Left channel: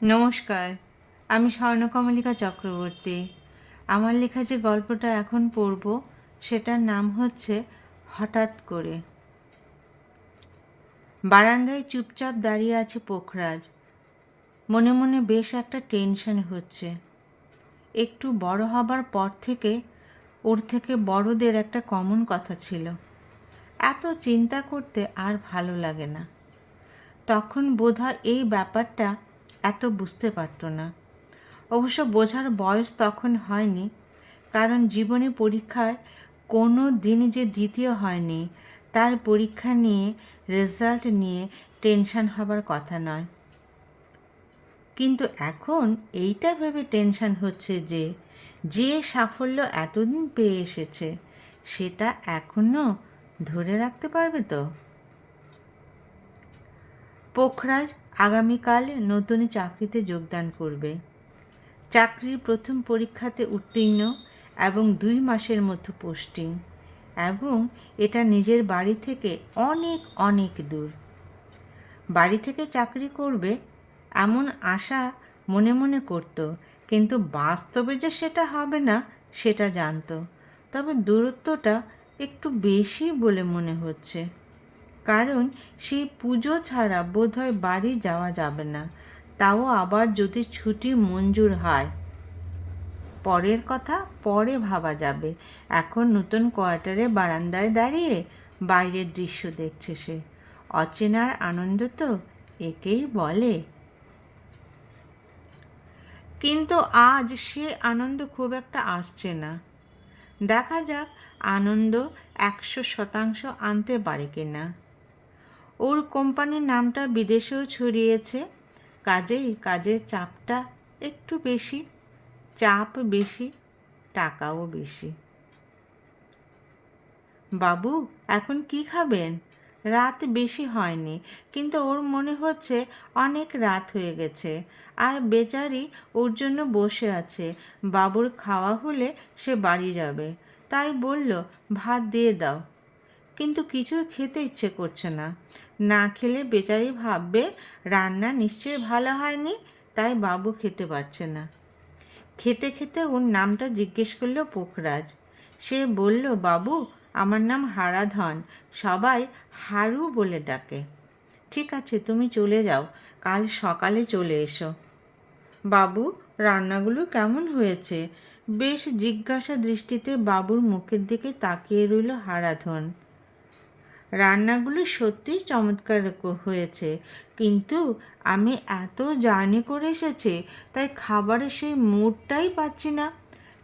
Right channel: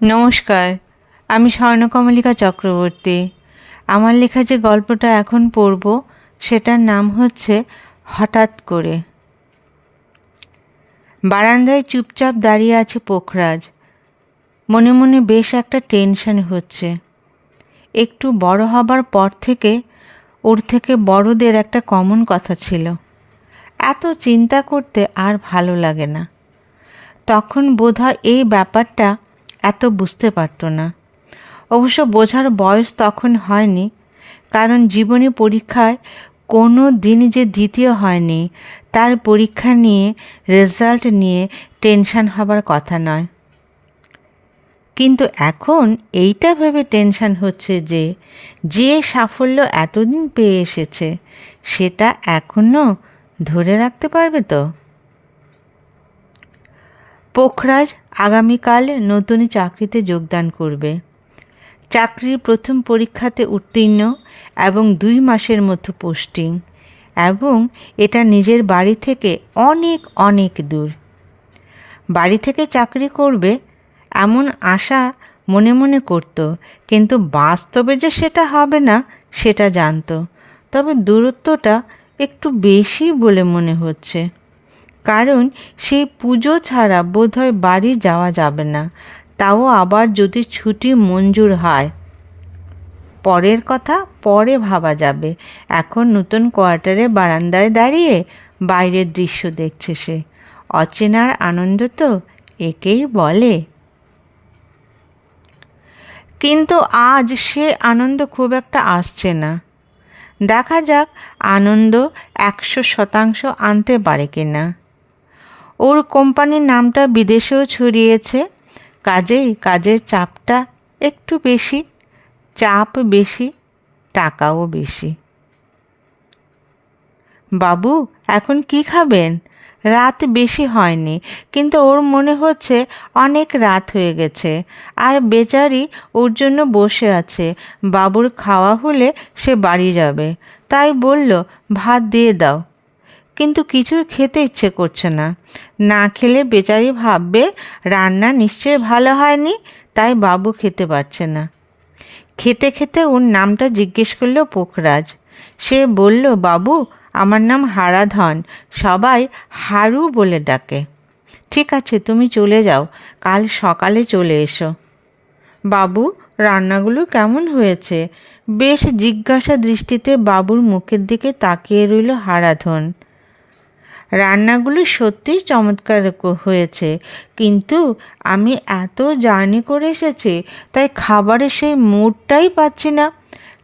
নমস্কার, আমি স্বর্ণকমলিকা চক্রবর্তী। আমার লেখা যে গল্পটা এখন পড়ব সেটার নাম হচ্ছে হঠাৎ করে। বারান্দায় চুপচাপ দাঁড়িয়ে আছে পোখরাজ। মনে মনে বেশ একটা টেনশন হচ্ছে। একটু বড় হবার পর থেকে ওর থেকে বড়দের একটা কমন কথা ছিল, এত চিন্তা করতে আর ভালো লাগে না। তখন বোধহয় এই ব্যাপারটা এত বুঝতে পারতো না। অবশ্য বোঝার বয়স তখন হয়নি, কারণ জীবনী পরীক্ষায় কোনো দিন যে দ্বিতীয় হয়নি তার পরীক্ষা নিয়ে রেজাল্ট নিয়ে টেনশন হবার কথা নয়। কিন্তু এখন এইটা ভেবে টেনশন হচ্ছে যে যে সাফল্য এতদিন পেয়ে এসেছে সেটা এখনও ধরে রাখতে পারবে তো। পোখরাজ আগামীকাল নতুন চাকরিতে যোগদান করবে। চাকরির প্রথম পরীক্ষাতে উত্তীর্ণ এবং 2 মাসের মধ্যে পোস্টিং, এবং এটা নিজের বাড়ি থেকে অনেক অনেক দূর। বাড়ি থেকে চাকরি করবে এমন আশা মনে মনে করত, কিন্তু বাস্তবে যে সেটা হবে না সেটা জানতো। তবে দূরত্বটা একটু বেশি বলে মনে হচ্ছে, কারণ সেই পুজো ছাড়া বোধহয় বাড়ি যাওয়া যাবে না, তাও আবার যদি ছুটি মঞ্জুর হয়। পরের কথা পরে ভাবা যাবে। এখন নতুন কোয়ার্টারে বারান্দায় দাঁড়িয়ে বাইরের দৃশ্য দেখছে সে। অচেনার আনন্দ তো একেই বলে। কিন্তু আজ সে আনন্দ খুব একটা আসছে না। দেখা যাক আনন্দ 100% আনতে পারে কিনা। ওর কোম্পানির নামটা বিদেশেও ছড়িয়েছে, কাজেই কাজের চাপটা একটু বেশি। চাপ বেশি, টাকাও বেশি। বাবু, এখন কি খাবেন? রাত বেশি হয়নি, কিন্তু ওর মনে হচ্ছে অনেক রাত হয়ে গেছে। আর বেচারি ওর জন্য বসে আছে। বাবুর খাওয়া হলে সে বাড়ি যাবে, তাই বলল ভাত দিয়ে দাও। কিন্তু কিছুই খেতে ইচ্ছে করছে না। না খেলে বেচারি ভাববে রান্না নিশ্চয়ই ভালো হয়নি, তাই বাবু খেতে পারছে না। খেতে খেতে ওর নামটা জিজ্ঞেস করলো পোখরাজ। সে বলল, বাবু, আমার নাম হারাধন, সবাই হারু বলে ডাকে। ঠিক আছে, তুমি চলে যাও, কাল সকালে চলে এসো। বাবু, রান্নাগুলো কেমন হয়েছে? বেশ জিজ্ঞাসা দৃষ্টিতে বাবুর মুখের দিকে তাকিয়ে রইল হারাধন। রান্নাগুলো সত্যিই চমৎকার হয়েছে, কিন্তু আমি এত জার্নি করে এসেছি, তাই খাবারের সেই মুডটাই পাচ্ছি না।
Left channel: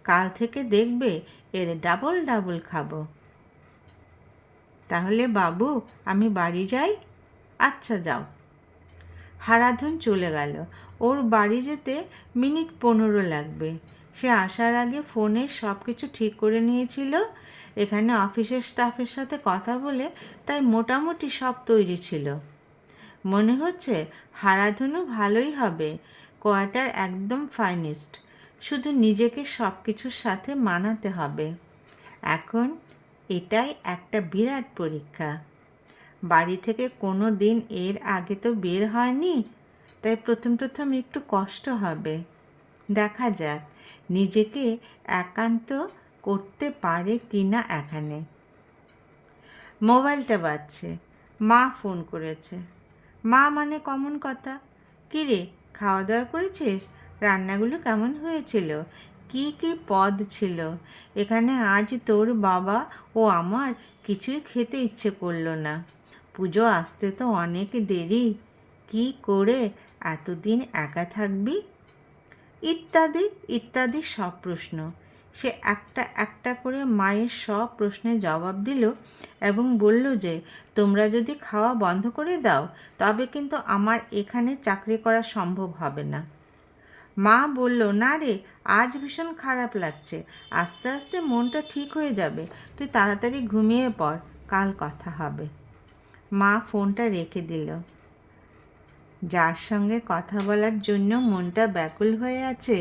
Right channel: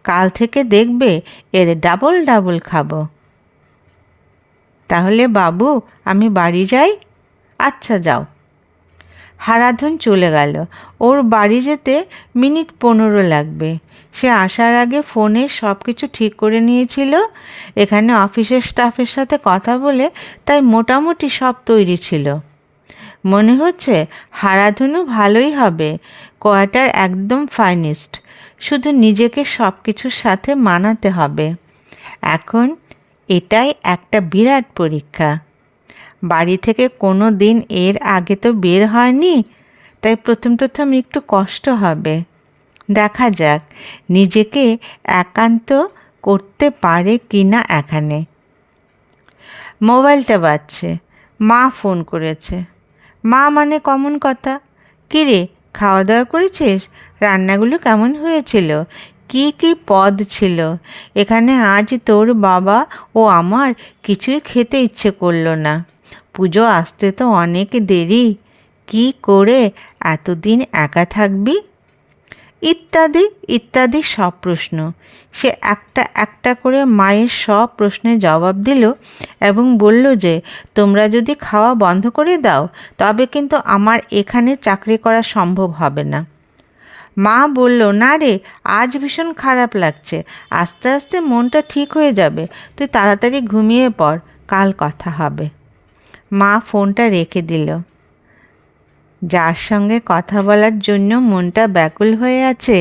কাল থেকে দেখবে এর ডাবল ডাবল খাবো। তাহলে বাবু, আমি বাড়ি যাই। আচ্ছা, যাও। হারাধন চলে গেল। ওর বাড়ি যেতে মিনিট 15 লাগবে। সে আসার আগে ফোনে সব কিছু ঠিক করে নিয়েছিল। এখানে অফিসের স্টাফের সাথে কথা বলে তাই মোটামুটি সব তৈরি ছিল। মনে হচ্ছে হারাধনও ভালোই হবে। কোয়ার্টার একদম ফাইনিস্ট, শুধু নিজেকে সব কিছুর সাথে মানাতে হবে। এখন এটাই একটা বিরাট পরীক্ষা। বাড়ি থেকে কোনো দিন এর আগে তো বের হয়নি, তাই প্রথম প্রথম একটু কষ্ট হবে। দেখা যাক নিজেকে একান্ত করতে পারে কি না। এখানে মোবাইলটা বাজছে। মা ফোন করেছে। মা মানে কমন কথা। কী রে, খাওয়া দাওয়া করেছিস? রান্নাগুলো কেমন হয়েছিল? কি কি পদ ছিল? এখানে আজ তোর বাবা ও আমার কিছুই খেতে ইচ্ছে করলো না। পুজো আসতে তো অনেক দেরি। কি করে এতদিন একা থাকবি? ইত্যাদি ইত্যাদি সব প্রশ্ন। সে একটা একটা করে মায়ের সব প্রশ্নের জবাব দিল এবং বলল যে তোমরা যদি খাওয়া বন্ধ করে দাও তবে কিন্তু আমার এখানে চাকরি করা সম্ভব হবে না। মা বলল, না রে, আজ ভীষণ খারাপ লাগছে, আস্তে আস্তে মনটা ঠিক হয়ে যাবে, তুই তাড়াতাড়ি ঘুমিয়ে পড়, কাল কথা হবে। মা ফোনটা রেখে দিল। যার সঙ্গে কথা বলার জন্য মনটা ব্যাকুল হয়ে আছে,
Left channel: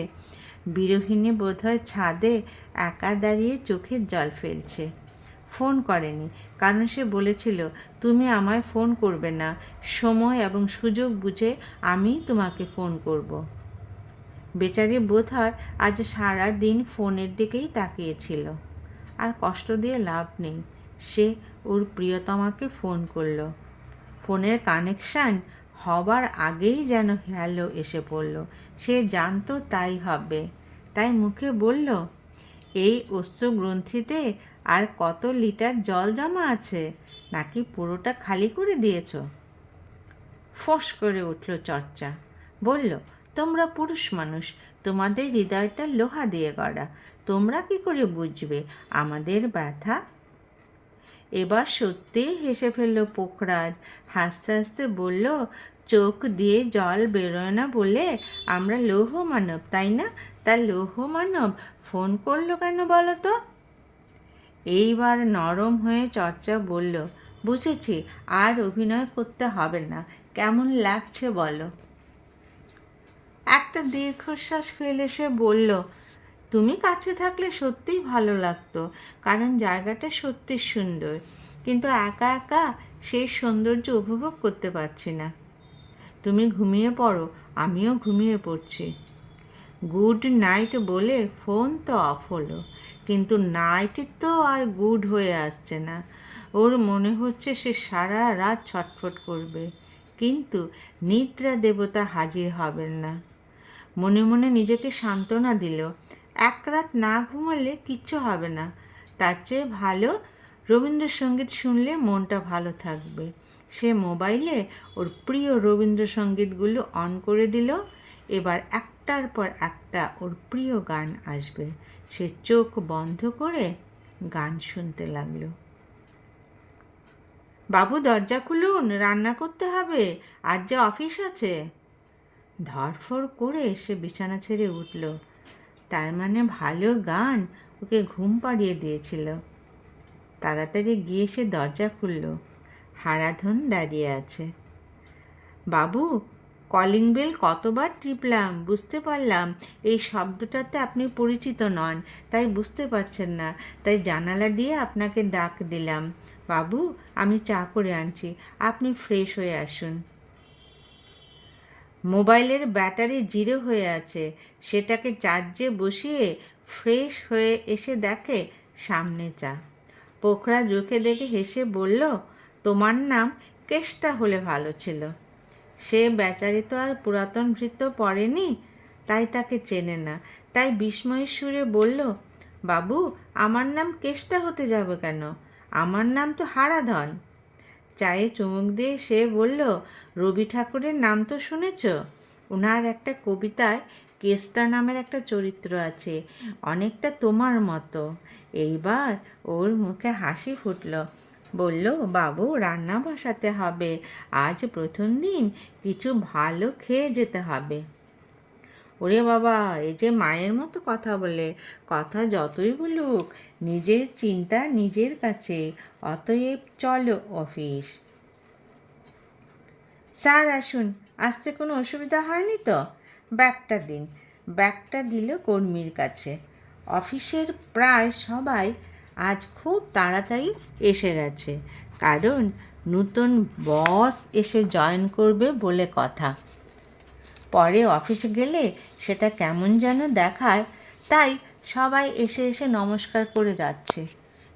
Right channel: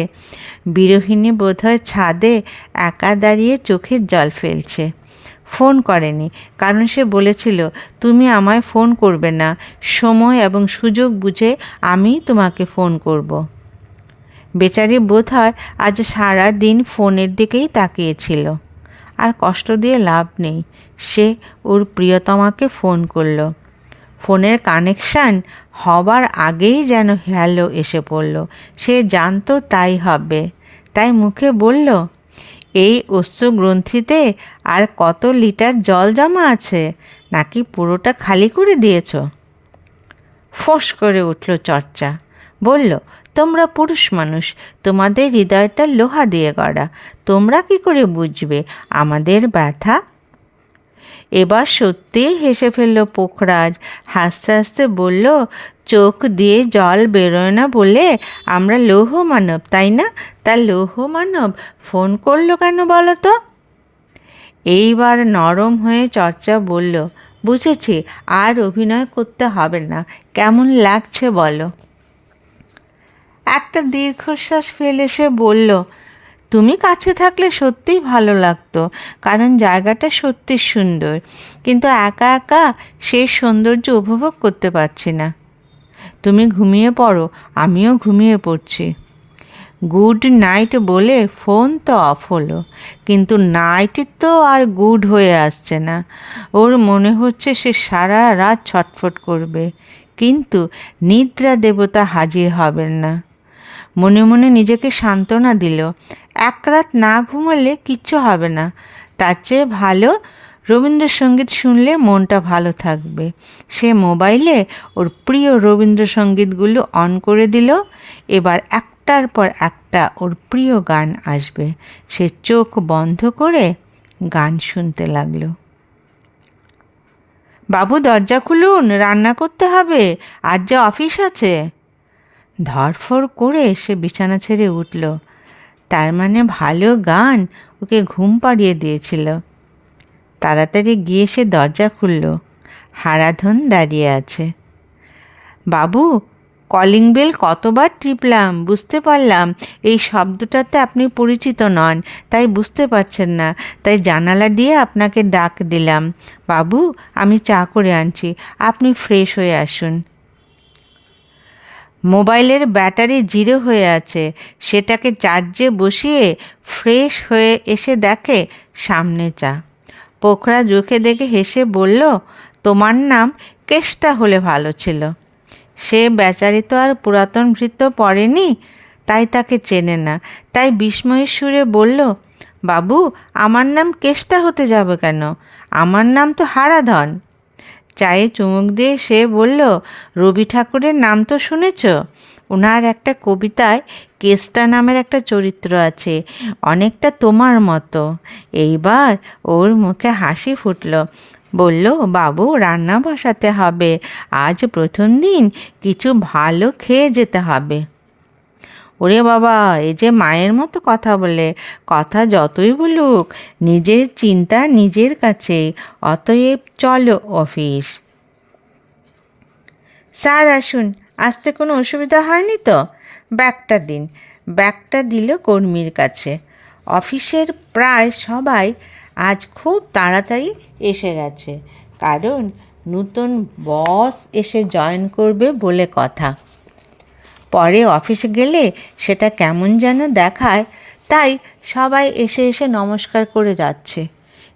বিরোহিণী বোধহয় ছাদে একা দাঁড়িয়ে চোখের জল ফেলছে। ফোন করেনি, কারণ সে বলেছিল তুমি আমায় ফোন করবে না, সময় এবং সুযোগ বুঝে আমি তোমাকে ফোন করব। বেচারি বোধহয় আজ সারা দিন ফোনের দিকেই তাকিয়েছিল। আর কষ্ট দিয়ে লাভ নেই, সে ওর প্রিয়তমাকে ফোন করলো। ফোনের কানেকশান হবার আগেই যেন হ্যালো এসে পড়ল। সে জানতো তাই হবে, তাই মুখে বলল, এই অশ্রুগ্রন্থিতে আর কত লিটার জল জমা আছে, নাকি পুরোটা খালি করে দিয়েছ? ফোঁস করে উঠল চর্চা। বলল, তোমরা পুরুষ মানুষ, তোমাদের হৃদয়টা লোহা দিয়ে গড়া, তোমরা কি করে বুঝবে আমাদের ব্যথা? এবার সত্যিই হেসে ফেলল পোখরাজ। হাসতে হাসতে বলল, চোখ দিয়ে জল বেরোয় না বলে আমরা লৌহ মানব, তাই না? তা লৌহ মানব ফোন করলো কেন বলো তো? এইবার নরম হয়ে চর্চা বলল, বুঝেছি, আর অভিনয় করতে হবে না। কেমন লাগছে বলো? একটা দীর্ঘশ্বাস ফেলে সে বলল, তুমি কাছে থাকলে সত্যিই ভালো লাগতো, কারণ জায়গাটা সত্যি সুন্দর, কিন্তু একা একা সেই সৌন্দর্য উপভোগ করতে পারছি না। তুমি ঘুমিয়ে পড়ো, আমিও ঘুমিয়ে পড়ছি। গুড নাইট বলে ফোন তো অফ হলো, কিন্তু নাইট তো আর গুড হয়ে আসছে না। ওর মনে হচ্ছে সে সারা রাত ছটফট করবে, কিন্তু নিদ্রা দেবতা হাজির হবেন না। মনে মনে নিজেকে সান্ত্বনা দিল, এক রাত না ঘুমালে কিচ্ছু হবে না, তার চেয়ে ভালো রবীন্দ্রসঙ্গীত শুনলে মনটা ভালো থাকবে। সে মোবাইলে ওর প্রিয় রবীন্দ্রসঙ্গীতগুলো অন করে দিল। এবার একটার পর একটা ওর প্রিয় গান আসবে। সে চোখ বন্ধ করে গান শুনতে লাগলো। বাবু দরজা খুলুন, রান্না করতে হবে, আজ যে অফিস আছে। ধরফর করে সে বিছানা ছেড়ে উঠল। তার মানে ভালো গান ওকে ঘুম পাড়িয়ে দিয়েছিল। তাড়াতাড়ি গিয়ে সে দরজা খুলল। হারাধন দাঁড়িয়ে আছে। বাবু, কলিং বেল কতবার টিপলাম, বুঝতে পারলাম এই শব্দটাতে আপনি পরিচিত নন, তাই বুঝতে পারছেন না, তাই জানালা দিয়ে আপনাকে ডাক দিলাম। বাবু, আমি চা করে আনছি, আপনি ফ্রেশ হয়ে আসুন। মোবাইলের ব্যাটারি জিরো হয়ে আছে, সেটাকে চার্জে বসিয়ে ফ্রেশ হয়ে এসে দেখে সামনে চা। পোখরাজ ওকে দেখে হেসে বলল, তোমার নাম কেষ্টা হলে ভালো ছিল। সে বেচারি তো আর পুরাতন ভৃত্য পড়েনি, তাই তাকে চেনে না, তাই বিস্ময়ের সুরে বলল, বাবু, আমার নাম কেষ্টা হতে যাবে কেন? আমার নাম তো হারাধন। চায়ে চুমুক দিয়ে সে বলল, রবি ঠাকুরের নাম তো শুনেছ? ওনার একটা কবিতায় কেষ্টা নামের একটা চরিত্র আছে, অনেকটা তোমার মতো। এইবার ওর মুখে হাসি ফুটল। বলল, বাবু, রান্না বসাতে হবে, আজ প্রথম দিন, কিছু ভালো খেয়ে যেতে হবে। ওরে বাবা, এই যে মায়ের মতো কথা বলে, কথা যতই বলুক নিজের চিন্তা নিজের কাছে, অতএব চলো অফিস। স্যার আসুন, আসতে কোনো অসুবিধা হয়নি তো? ব্যাগটা দিন। ব্যাগটা দিল কর্মীর কাছে। অফিসের প্রায় সবাই আজ খুব তাড়াতাড়ি এসে গেছে, কারণ নতুন বস এসে জয়েন করবে বলে কথা। পরে অফিসে গেলে সেটা কেমন যেন দেখায়, তাই সবাই এসে এসে নমস্কার করে যাচ্ছে।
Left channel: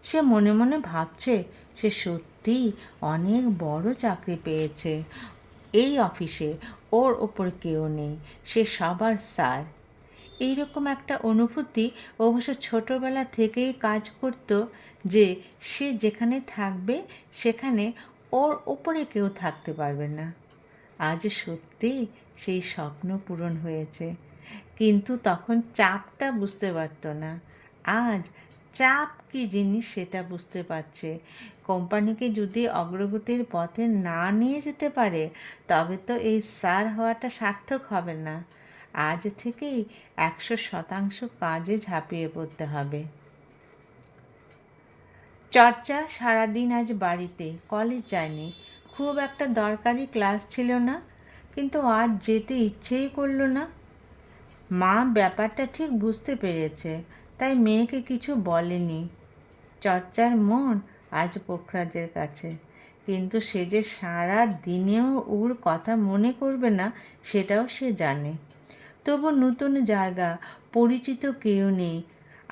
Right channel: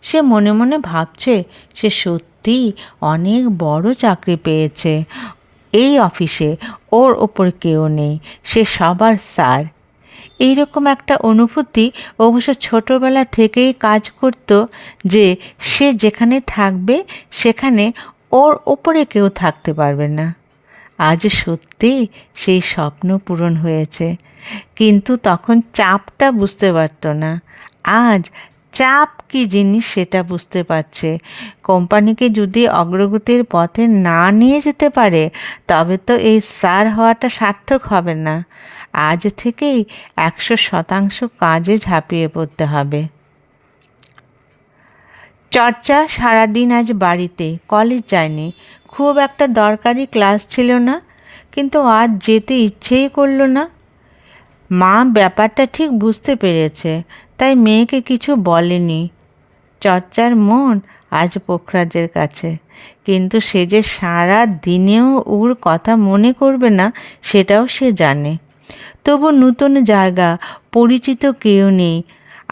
সে মনে মনে ভাবছে সে সত্যিই অনেক বড় চাকরি পেয়েছে। এই অফিসে ওর ওপর কেউ নেই, সে সবার স্যার। এইরকম একটা অনুভূতি অবশ্য ছোটোবেলা থেকেই কাজ করত, যে সে যেখানে থাকবে সেখানে ওর ওপরে কেউ থাকতে পারবে না। আজ সত্যি সেই স্বপ্ন পূরণ হয়েছে, কিন্তু তখন চাপটা বুঝতে পারত না। আজ চাপ কী জিনিস সেটা বুঝতে পারছে। কোম্পানিকে যদি অগ্রগতির পথে না নিয়ে যেতে পারে, তবে তো এই স্যার হওয়াটা সার্থক হবে না। আজ থেকেই 100% কাজে ঝাঁপিয়ে পড়তে হবে। চর্চা সারাদিন আজ বাড়িতে, কলেজ যায়নি। খুব একটা দরকারি ক্লাস ছিল না, কিন্তু আজ যেতে ইচ্ছেই করলো না। মা ব্যাপারটা ঠিক বুঝতে পেরেছে, তাই মেয়েকে কিছু বলেনি। চর্চার মন আজ পোখরাজের কাছে, কিন্তু সে যে সারা দিনেও ওর কথা মনে করবে না সেটাও সে জানে। তবু নতুন জায়গা, পরিচিত কেউ নেই,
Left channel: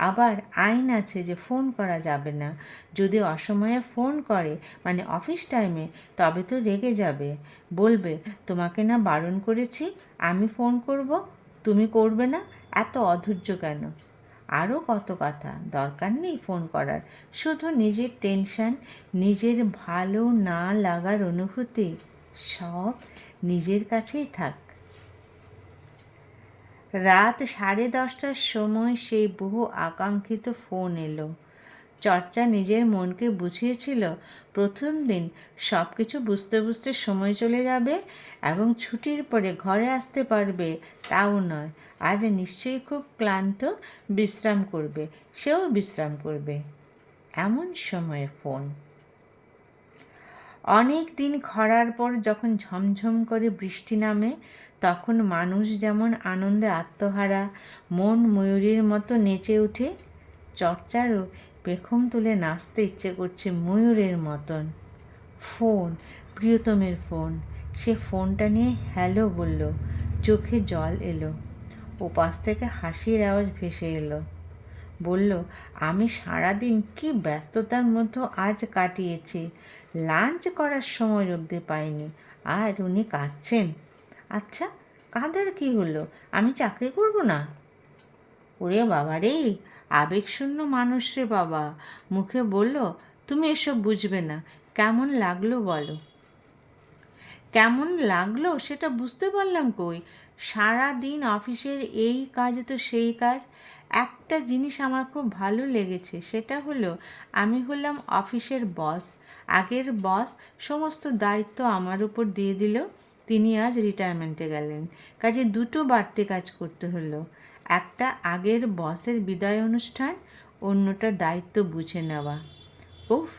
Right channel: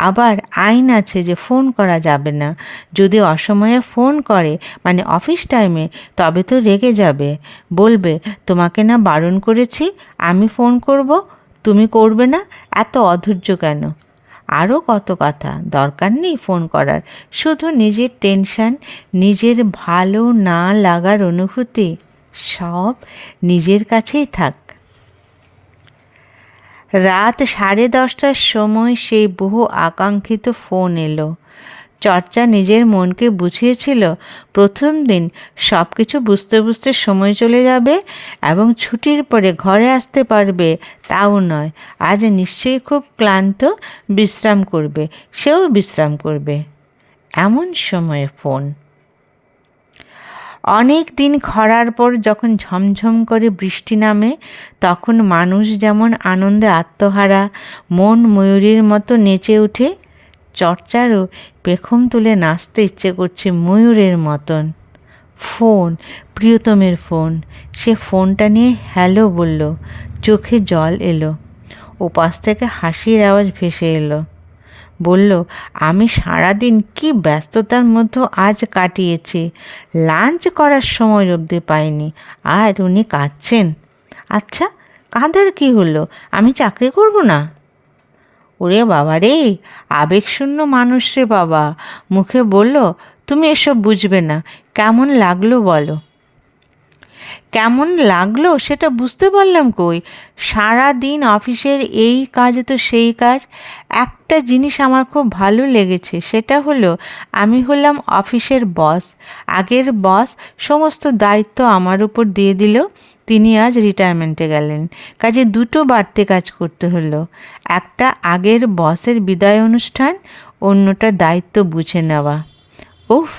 আবার আইন আছে যে ফোন করা যাবে না। যদি অসময়ে ফোন করে, মানে অফিস টাইমে, তবে তো রেগে যাবে, বলবে তোমাকে না বারণ করেছি আমি ফোন করব, তুমি করবে না, এত অধৈর্য কেন? আরও কত কথা, দরকার নেই ফোন করার, শুধু নিজের টেনশন, নিজের ভালো না লাগার অনুভূতি সব নিজের কাছেই থাক। রাত 10:30টার সময় সেই বহু আকাঙ্ক্ষিত ফোন এলো। চর্চা নিজের মনকে বুঝিয়েছিল প্রথম দিন সব কিছু বুঝতে বুঝতে সময় চলে যাবে এবং ছুটির পরে ঘরে আসতে পারবে, তাও নয়, আজ নিশ্চয়ই খুব ক্লান্ত, বিশ্রাম করবে, সেও বিশ্রাম করবে। এমন সময়ে ফোন। অনেক দিন খরার পর যখন ঝমঝম করে বৃষ্টি নামে, তখন মানুষ যেমন আনন্দে আত্মহারা, মন ময়ূরীর মতো নেচে ওঠে। চর্চারও পেখম তুলে নাচতে ইচ্ছে করছে ময়ূরের মতন। Phone, প্রিয়তমের phone. সে ফোনটা নিয়ে হ্যালো বলল। চোখে জল এলো। ওপাশ থেকে হাসির আওয়াজ ভেসে এলো। বলল, আমি সারাদিন কি ব্যস্ততার মধ্যে আজ কাটিয়েছি, লাঞ্চ করার সময় অবধি পাইনি, আর উনি কাঁদছেন। আচ্ছা, কাঁদার কি হলো? আমি চাকরি করব না? ওরে বাবা রে, আবেগশূন্য মানুষ রে বাবা। মুখে বলল, তুমি এসব বুঝবে না। কেমন লাগলো বলো? কেমন লাগলো সেটা বুঝতে পারলাম কই? সারা দিন অফিসের এই কাজ তো সেই কাজ। একটা জিনিস আমার খুব ভালো লেগেছে, সেটা হলো আমি হলাম অফিসের বস। আগের বস সমস্ত দায়িত্ব আমার উপর দিয়ে দিল। তিনি আজ রিটায়ারমেন্টে গেলেন, কাজে দুটো বাড়তি কাজ করতে হলো। একটা আগের বসের বিদায় অনুষ্ঠান, অন্যটা দায়িত্ব বুঝে নেওয়া। উফ,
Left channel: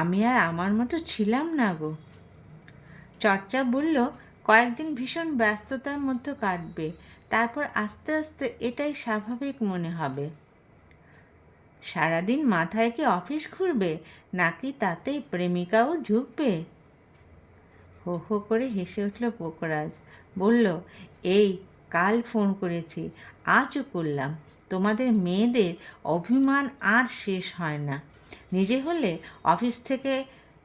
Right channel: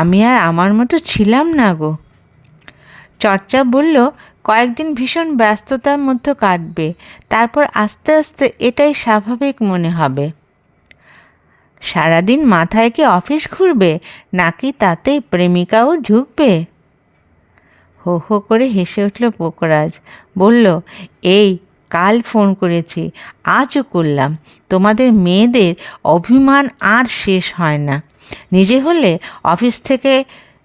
আমি আর আমার মতো ছিলাম না গো। চর্চা বলল, কয়েকদিন ভীষণ ব্যস্ততার মধ্যে কাটবে, তারপর আস্তে আস্তে এটাই স্বাভাবিক মনে হবে। সারাদিন মাথায় কি অফিস ঘুরবে, নাকি তাতে প্রেমিকাও ঢুকবে? হো হো করে হেসে উঠল পোকরাজ। বলল, এই কাল ফোন করেছি, আজও করলাম। তোমাদের মেয়েদের অভিমান আর শেষ হয় না। নিজে হলে অফিস থেকে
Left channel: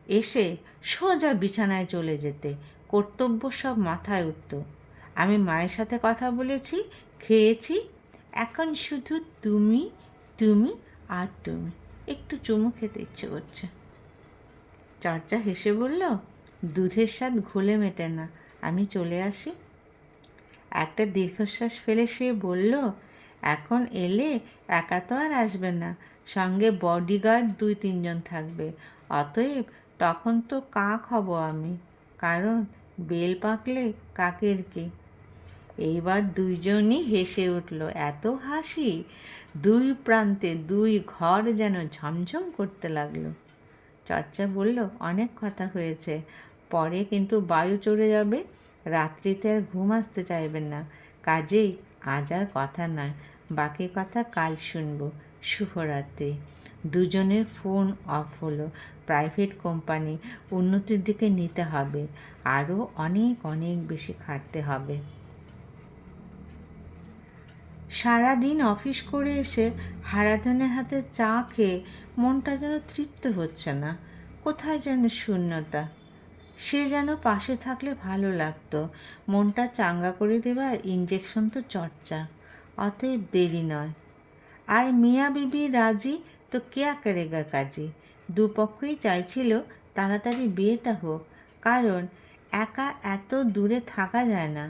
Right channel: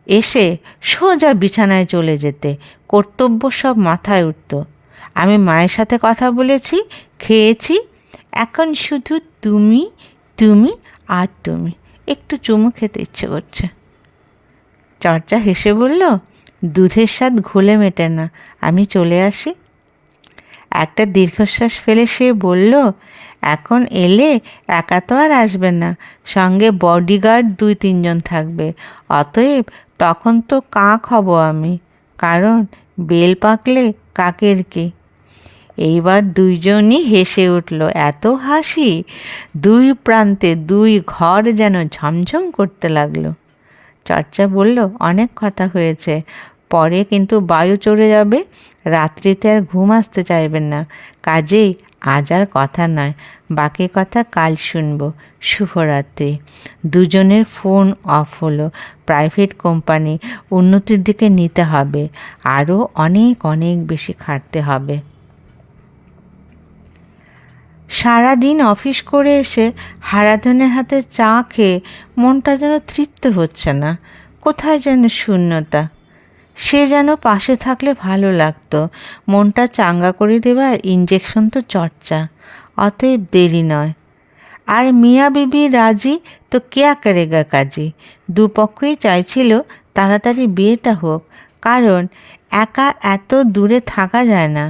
এসে সোজা বিছানায় চলে যেতে, কর্তব্য সব মাথায় উঠত। আমি মায়ের সাথে কথা বলেছি, খেয়েছি, এখন শুধু তুমি, তুমি আর তুমি। একটু চুমু খেতে ইচ্ছে করছে। চর্চা হেসে বলল, দুধের স্বাদ ঘোলে মেটে না, আমি চলে আসি। একটা দীর্ঘশ্বাস ফেলে সে বলল, এখন এলে একা তো আর আসবে না, সঙ্গে বডিগার্ড 2-3 জন থাকবে। অতএব তখন তো কাক হব আমি, কারণ বেল পাকলে কাকের কি। এইবার দুইজনই হেসে উঠল। এত হাসি, দুই প্রান্তে দুই ঘর যেন ঝমঝম করতে লাগলো। চর্চা বলল, অনেক কথা হয়েছে, পরে কিন্তু বায়ু চড়ে যাবে, রাত্রিতে আর ঘুম আসতে চাইবেন না, কাজেই আজ আর কথা নয়, বাকি কথা কাল শুনব। শুভরাত্রি। দুজনের ফোন অফ হলো। প্রাইভেট কোম্পানি, উন্নতির দিকে নিতে হবে, আরও অনেক অনেক বেশি খাটতে হবে। সারাদিন অফিস করে এসে হারাধনের হাতে চা খেয়ে মনটা যেন তৃপ্ত হচ্ছে না, কোথায় যেন শূন্যতা। সে যেন পাশে থাকলে ভালো লাগতো, মনটা চাঙ্গা করে দেবার ইঞ্জেকশন তো চর্চা। অতএব দেরি নয়। আর মিয়া বিবি রাজি তো কেয়া করেগা কাজী। দুপক্ষই চাইছিল তাড়াতাড়ি বিয়েটা হোক, কারণ একা এত দূরে থাকা যায় না।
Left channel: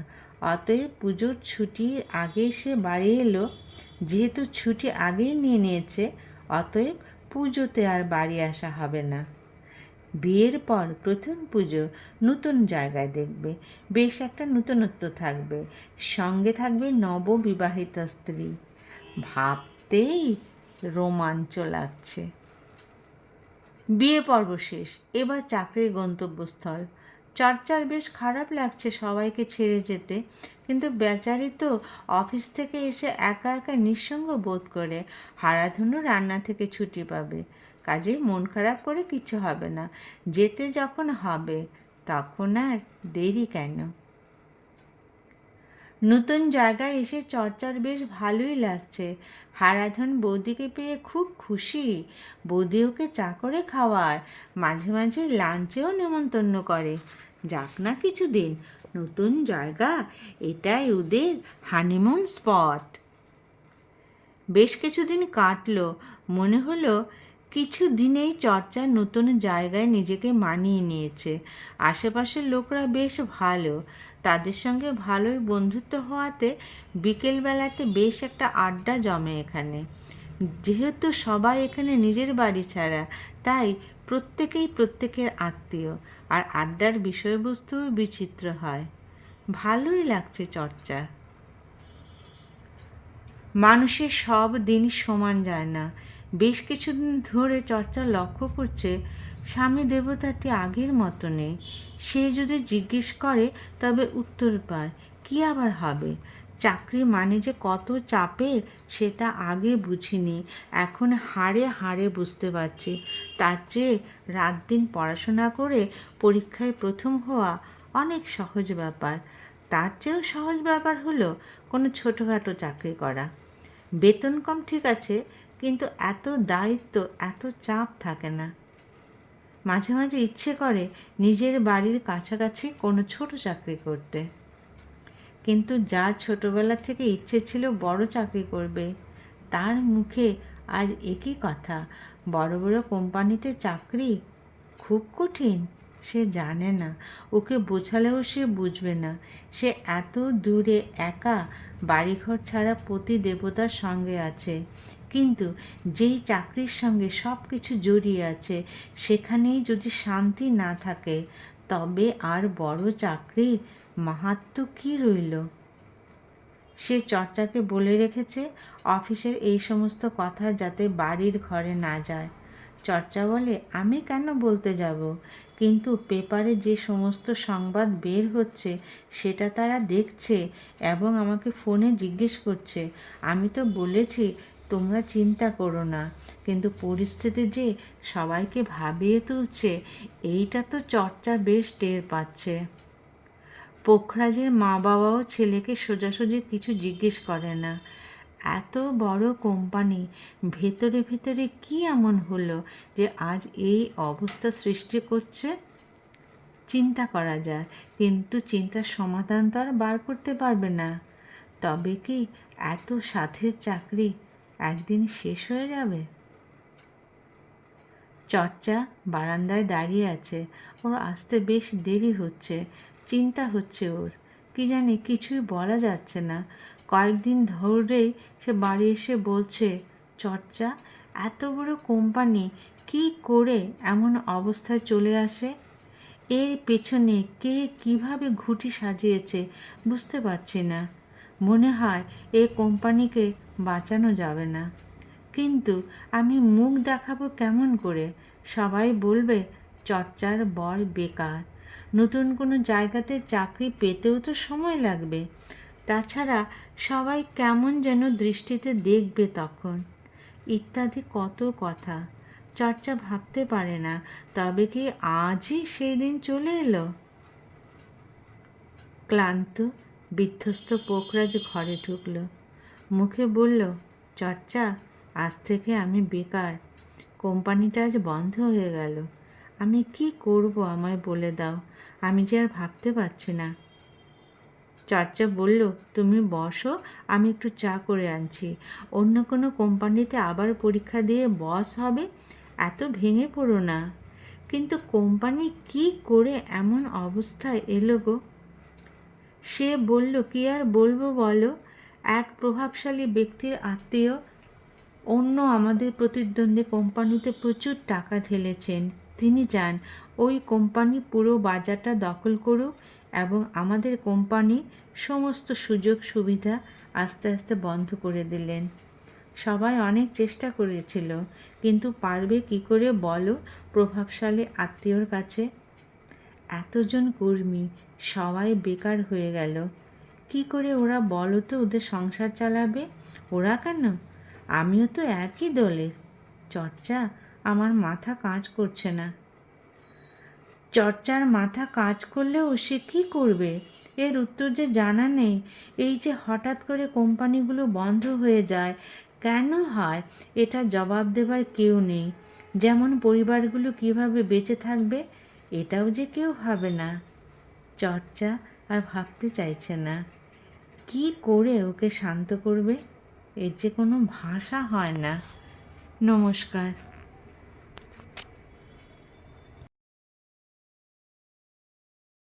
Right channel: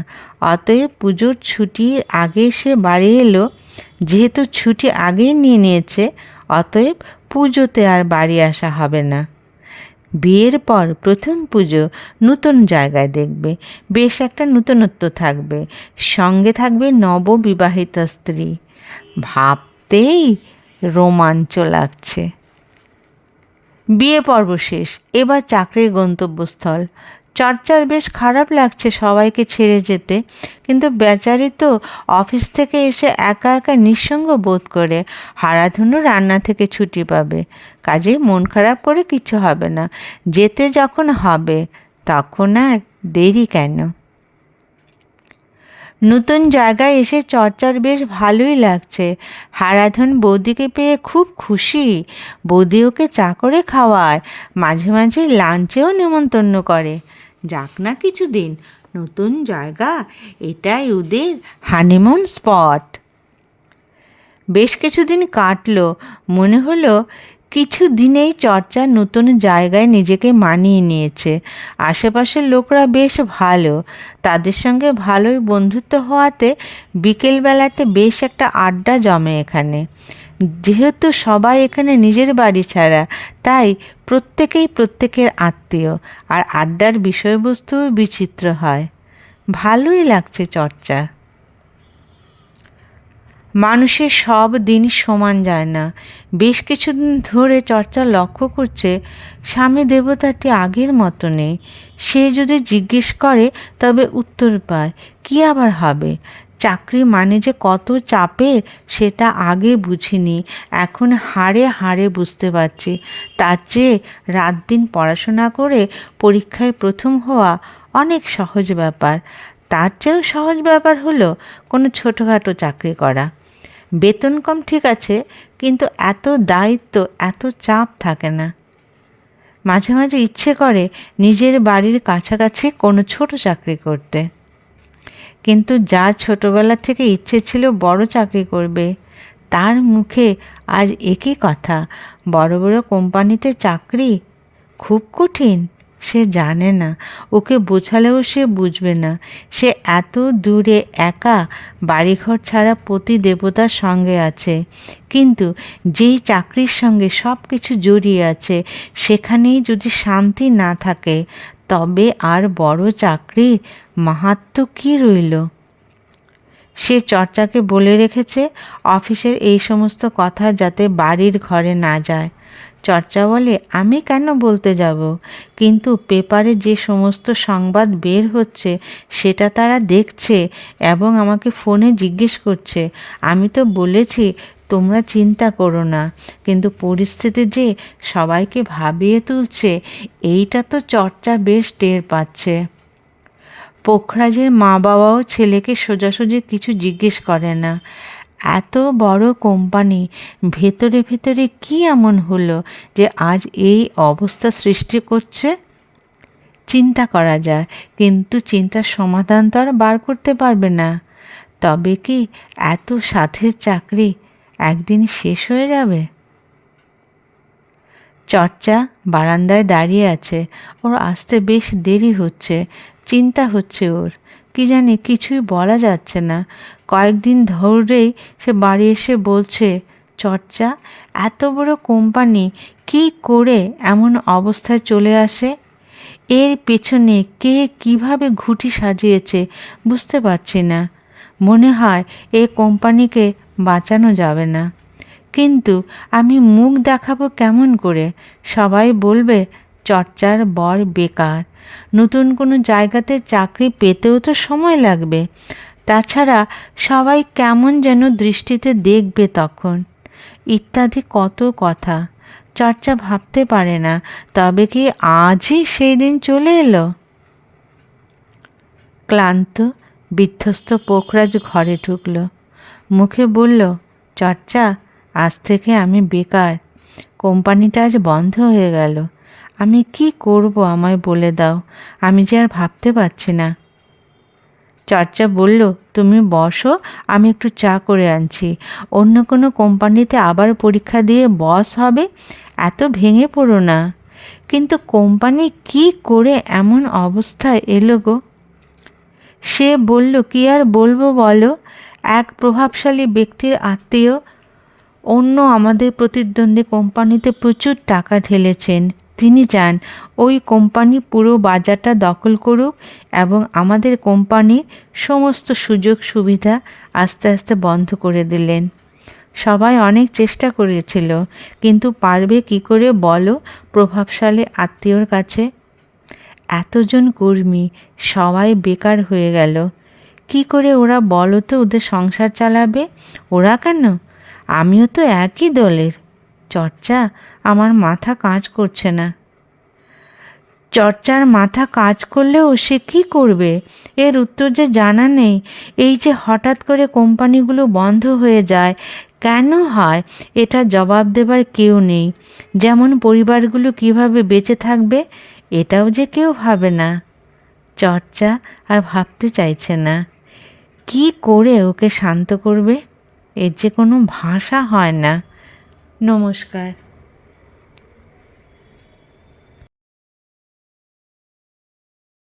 অতএব পুজোর ছুটির আগে সে বাড়ি এলো। যেহেতু ছুটি আগেই নিয়ে নিয়েছে, অতএব পুজোতে আর বাড়ি আসা হবে না। বিয়ের পর প্রথম পুজো নতুন জায়গায় দেখবে, বেশ একটা নূতনত্ব থাকবে, সঙ্গে থাকবে নববিবাহিতা স্ত্রী। ভাবতেই রোমাঞ্চ লাগছে। বিয়ে পর্ব শেষ, এবার চাকরির গন্তব্যস্থল। চর্চার বেশ খারাপ লাগছে সবাইকে ছেড়ে যেতে, কিন্তু বেচারি তো অফিস থেকে এসে একা একা নিঃসঙ্গ বোধ করে। হারাধুনু রান্না থেকে ছুটি পাবে, কাজেই মন খারাপ করে কিছু হবে না। যেতে যখন হবে তখন আর দেরি কেন? নতুন জায়গায় এসে চর্চার বেশ ভালোই লাগছে। হারাধন বৌদিকে পেয়ে খুব খুশি। বৌদি ওকে চা করে খাওয়ায়, মাঝে মাঝে লাঞ্চেও নেমন্তন্ন করে। যাক না কিছুদিন, নতুন জায়গা, এটাই ওদের হানিমুন স্পট। বেশ কিছুদিন কাটলো। মনে হলো কিছু দিনেই চর্চা নতুন জায়গায় নিজেকে মানিয়ে নিয়েছে। আশেপাশের লোকরা বেশ ভালো, তাদের সঙ্গে ভালোই বন্ধুত্ব হওয়াতে বিকেলবেলাতে বেশ একটা আড্ডা জমে এখানে। যেহেতু সবাই এখানে নিজের বাড়ি ছাড়া, তাই প্রত্যেকেই প্রত্যেকের আত্মীয়, আর আড্ডার বিষয়বস্তুও বিচিত্র হয়। ভালোই লাগছে চর্চা। মানুষের সব দিন সমান যায় না। বেশ কিছুদিন ধরে চর্চা লক্ষ্য করছে স্বামী দেবতাটি আগের মতো নেই। সে যদি জিজ্ঞেস করে তবে উত্তর পায়। কী আবার হবে? চাকরি মানে যে কত চাপের সেটা আগে বুঝিনি, এখন হাড়ে হাড়ে বুঝতে পারছি। তার চেয়ে রাত দিন পড়াশোনা করে পরীক্ষায় প্রথম হওয়া অনেক সহজ ব্যাপার। তার চেয়েও সহজ ব্যাপার হলো কোনো ছোটোখাটো চাকরি করা। বেতন কম ঠিক আছে, কিন্তু এত দায়িত্ব, এত চাপ থাকে না। মাঝে মাঝে ইচ্ছে করে নিজের বাড়ির কাছাকাছি কোনো ছোট চাকরি করতে, কিন্তু যা ছোটবেলা থেকে ইচ্ছে ছিল বড় চাকরি করবে, তার মুখে আজ একই কথা। বড় বড় কোম্পানিতে চাকরি খুব কঠিন, সে জানে না। ওকে বোঝালেও সে বুঝবে না। সে এত দূরে একা, বাড়িঘর ছাড়া পতি দেবতার সঙ্গে আছে, কিন্তু যেই চাকরির সঙ্গে সব কিছু জড়িয়ে আছে সেখানেই যদি শান্তি না থাকে, তবে আর বড় চাকরির মাহাত্ম্য কী রইল? সে চর্চাকে বলে রেখেছে অফিসের এই সমস্ত কথা যাতে বাড়ির ঘরে না যায়। চর্চা বলে, আমি কেন বলতে যাব? কিন্তু পেপারে যে সমস্ত সংবাদ বের হচ্ছে সেটা তারা দেখছে এবং আমাকে ফোনে জিজ্ঞেস করছে। আমি তো বলেছি তোমরা চিন্তা করো না, কিন্তু পরিস্থিতি যে সবাইকে ভাবিয়ে তুলছে এইটা তো চর্চা বেশ টের পাচ্ছে। পোখরাজের মা বাবাও ছেলেকে সোজাসুজি কিছু জিজ্ঞেস করে না। এত বড় কোম্পানি, ভেতরে ভেতরে কী এমন হলো যে আজ এই অবস্থা সৃষ্টি করছে? চিন্তা করা যায়, কিন্তু চিন্তার সমাধান তো আর বার করতে পারবে না। তবে কি এত সাধের চাকরি একদিন শেষ হয়ে যাবে? চর্চা বারান্দায় দাঁড়িয়ে আছে। ওর আসতে বেশ দেরি হচ্ছে। চিন্তা হচ্ছে ওর, কি জানি কিছুই বলা যাচ্ছে না। কয়েকদিন ধরেই সে বাড়ি এসে বলছে, চর্চা, এত বড় কোম্পানি কি করে এমন অবস্থায় চলে আসে? এর পেছনে কে কিভাবে ঘুঁটি সাজিয়েছে বুঝতে পারছি না। মনে হয় এই কোম্পানিকে বাঁচানো যাবে না, কিন্তু আমি মুখ দেখাবো কেমন করে? সবাই বলবে চর্চার বর বেকার। নতুন কোনো জায়গাতে চাকরি পেতেও তো সময় লাগবে। তাছাড়া সবাই কেমন যেন দৃষ্টিতে দেখবে তখন, ইত্যাদি কত কথা। চর্চা ভাবতে পারে না, তবে কি আজই সেই দিন চলে এলো? ক্লান্ত বিধ্বস্ত পোখরাজ ঘরে ঢুকল। মুখে বলল, চর্চা, আজ থেকে আমি বেকার। কোম্পানিটা আজ বন্ধ হয়ে গেল। আমি কি করব আমায় বলে দাও, আমি যে আর ভাবতে পারছি না। চর্চা বলল, তুমি বসো, আমি একটু চা করে আনছি। অন্য কোনো কোম্পানিতে আবার পরীক্ষা দিয়ে বস হবে, এত ভেঙে পড়ো না। কিন্তু কোম্পানি কি করে এমন অবস্থায় এলো গো? সে বলল, কি আর বলবো বলো, এক প্রভাবশালী ব্যক্তির আত্মীয় অন্য আমাদের প্রতিদ্বন্দ্বী কোম্পানিতে প্রচুর টাকা ঢেলেছেন। তিনি চান ওই কোম্পানি পুরো বাজারটা দখল করুক এবং আমাদের কোম্পানির সমস্ত সুযোগ সুবিধা আস্তে আস্তে বন্ধ করে দিলেন। সবাই অনেক চেষ্টা করেছিল, কিন্তু পারবে কি করে বলো প্রভাবশালী আত্মীয়র কাছে? এতজন কর্মী সবাই বেকার হয়ে গেল। কি করে ওরা বলো তো ওদের সংসার চালাবে? ওরা কেন, আমিও তো একই দলের। চর্চা, আমার মাথা কাজ করছে না। চর্চার মাথা কাজ করলেও সে কী করবে? এর উত্তর যে জানা নেই। এই যে হঠাৎ করে কোম্পানিগুলো বন্ধ হয়ে যায়, কেন হয় এটা জবাব দেবার কেউ নেই। যেমন পরিবারগুলো কিভাবে বেঁচে থাকবে এটাও যে কেউ ভাবে না। চর্চা আর ভাবতে চাইছে না। কি করে ওকে শান্ত করবে? এর যে কোনো ভাষা হয় না। নমস্কার।